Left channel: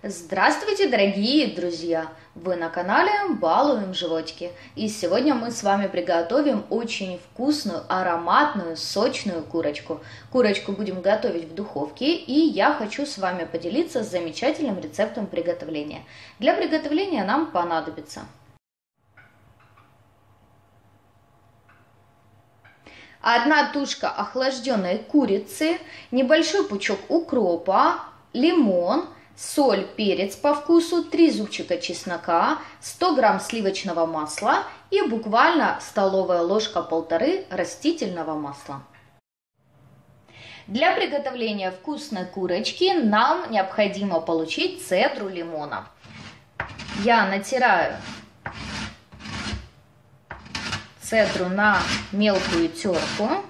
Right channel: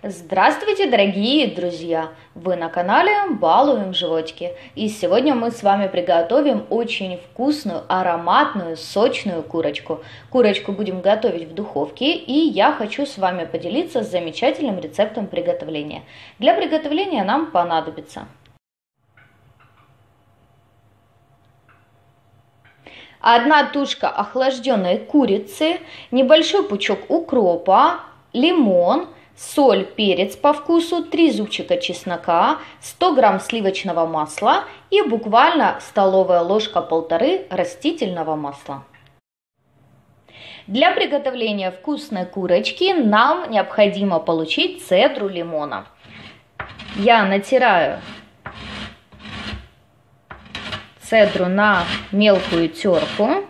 Здравствуйте, дорогие друзья! Вы на канале Балуем животики. И сегодня мы с вами приготовим очень вкусную, ароматную, сочную курочку. Курочку будем готовить в духовке, и я хочу с вами поделиться замечательным рецептом приготовления. Для приготовления нам понадобится 1 тушка охлажденной курицы, небольшой пучок укропа, лимон, соль, перец по вкусу, 3 зубчика чеснока, 100 грамм сливочного масла и буквально столовая ложка 1,5 растительного масла. Для приготовления вкусной курочки нам необходимо получить цедру лимона. Я натираю цедру на мелкую терку.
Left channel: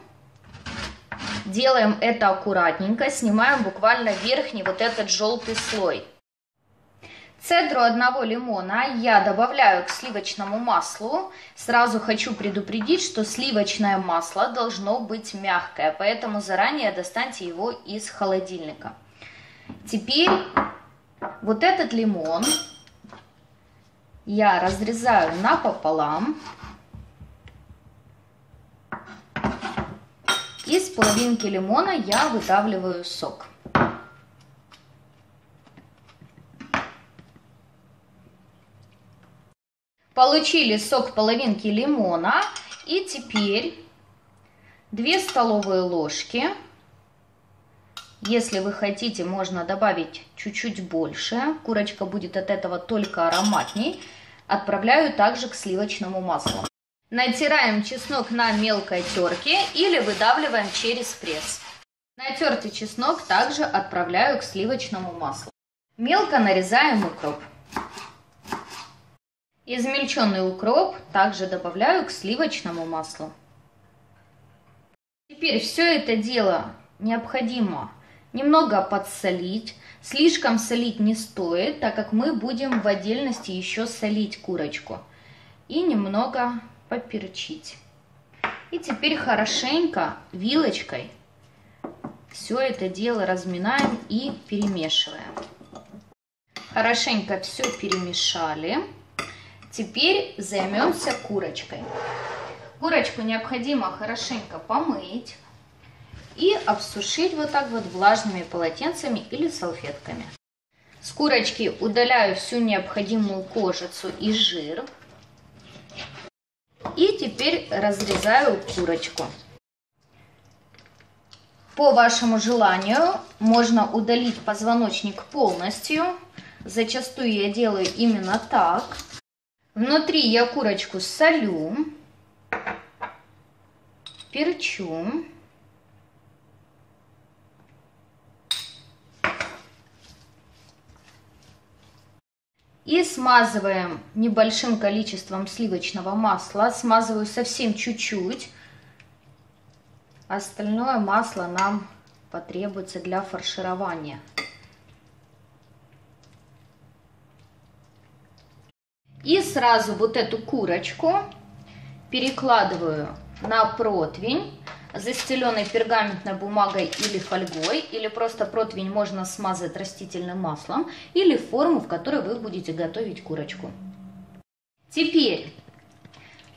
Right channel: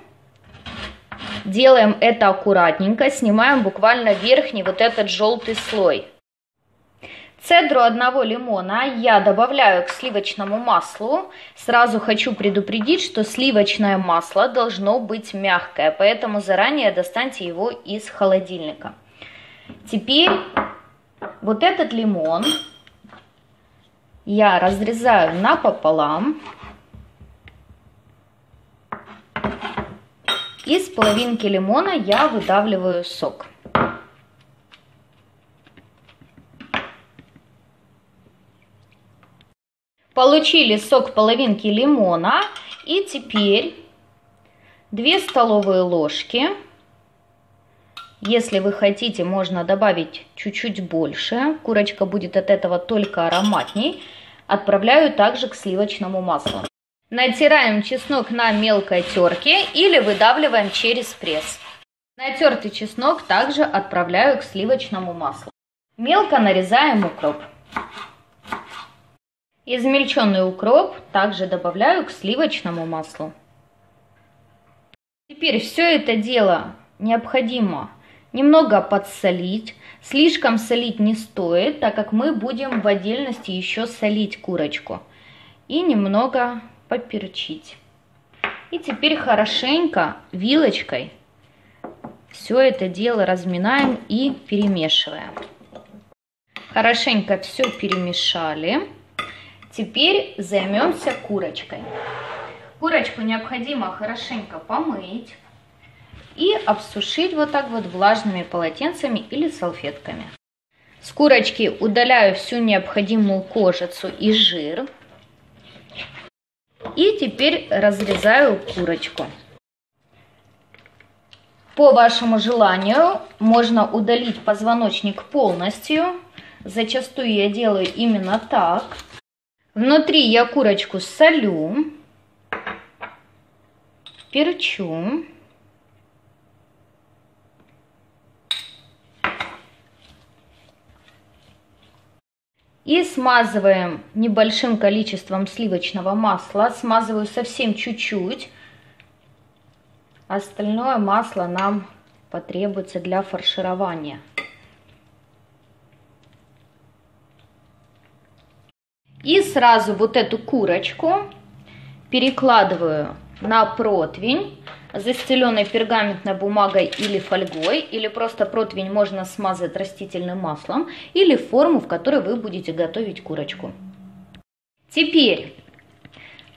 Делаем это аккуратненько, снимаем буквально верхний вот этот желтый слой. Цедру 1 лимона я добавляю к сливочному маслу. Сразу хочу предупредить, что сливочное масло должно быть мягкое, поэтому заранее достаньте его из холодильника. Теперь вот этот лимон я разрезаю напополам. Из половинки лимона я выдавливаю сок. Получили сок половинки лимона. И теперь 2 столовые ложки. Если вы хотите, можно добавить чуть-чуть больше. Курочка будет от этого только ароматней. Отправляю также к сливочному маслу. Натираем чеснок на мелкой терке или выдавливаем через пресс. Натертый чеснок также отправляю к сливочному маслу. Мелко нарезаем укроп. Измельченный укроп также добавляю к сливочному маслу. Теперь все это дело необходимо немного подсолить. Слишком солить не стоит, так как мы будем в отдельности еще солить курочку. И немного поперчить. И теперь хорошенько вилочкой все это дело разминаем и перемешиваем. Хорошенько все перемешали. Теперь займемся курочкой. Курочку необходимо хорошенько помыть и обсушить вот так вот влажными полотенцами или салфетками. С курочки удаляю всю необходимую кожицу и жир. И теперь разрезаю курочку. По вашему желанию можно удалить позвоночник полностью. Зачастую я делаю именно так. Внутри я курочку солю, перчу. И смазываем небольшим количеством сливочного масла. Смазываю совсем чуть-чуть. Остальное масло нам потребуется для фарширования. И сразу вот эту курочку перекладываю на противень, застеленный пергаментной бумагой или фольгой, или просто противень можно смазать растительным маслом, или форму, в которой вы будете готовить курочку. Теперь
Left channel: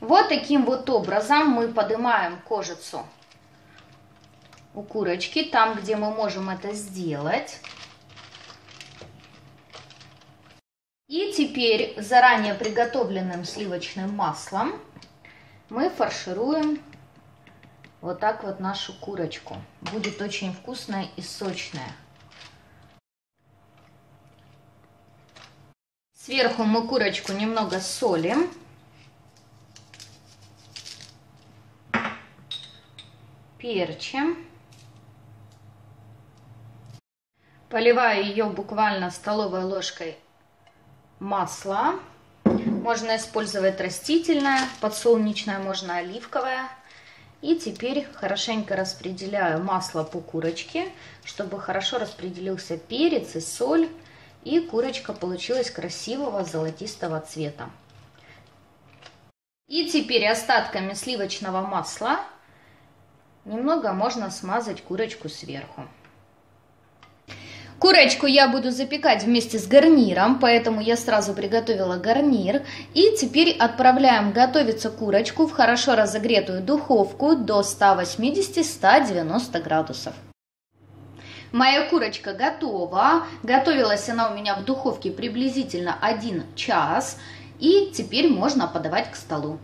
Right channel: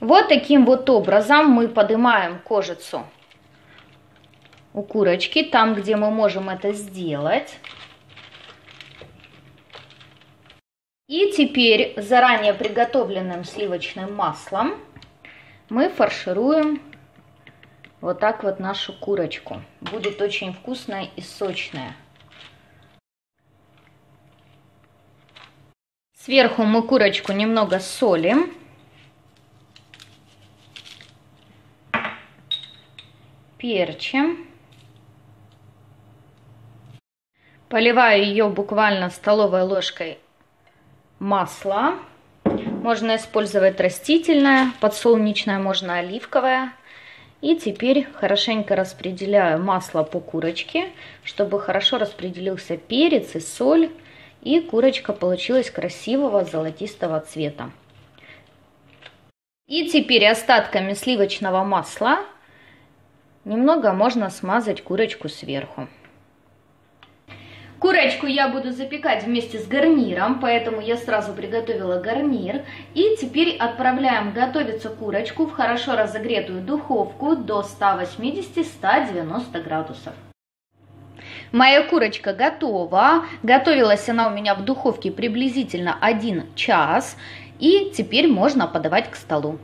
вот таким вот образом мы поднимаем кожицу у курочки, там, где мы можем это сделать. И теперь заранее приготовленным сливочным маслом мы фаршируем вот так вот нашу курочку. Будет очень вкусная и сочная. Сверху мы курочку немного солим. Перчим. Поливаю ее буквально столовой ложкой масла. Можно использовать растительное, подсолнечное, можно оливковое. И теперь хорошенько распределяю масло по курочке, чтобы хорошо распределился перец и соль, и курочка получилась красивого золотистого цвета. И теперь остатками сливочного масла немного можно смазать курочку сверху. Курочку я буду запекать вместе с гарниром, поэтому я сразу приготовила гарнир. И теперь отправляем готовиться курочку в хорошо разогретую духовку до 180-190 градусов. Моя курочка готова. Готовилась она у меня в духовке приблизительно 1 час. И теперь можно подавать к столу.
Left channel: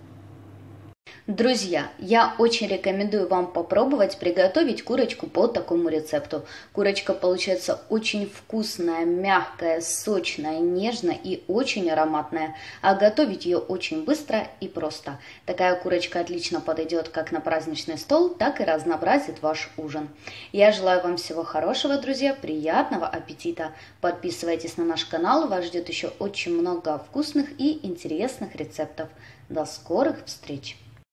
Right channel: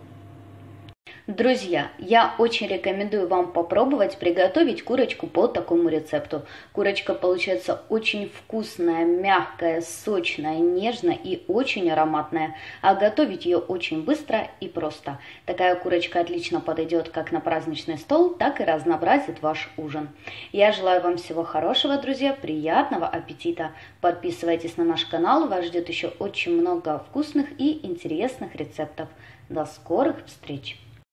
Друзья, я очень рекомендую вам попробовать приготовить курочку по такому рецепту. Курочка получается очень вкусная, мягкая, сочная, нежная и очень ароматная. А готовить ее очень быстро и просто. Такая курочка отлично подойдет как на праздничный стол, так и разнообразит ваш ужин. Я желаю вам всего хорошего, друзья, приятного аппетита. Подписывайтесь на наш канал, вас ждет еще очень много вкусных и интересных рецептов. До скорых встреч!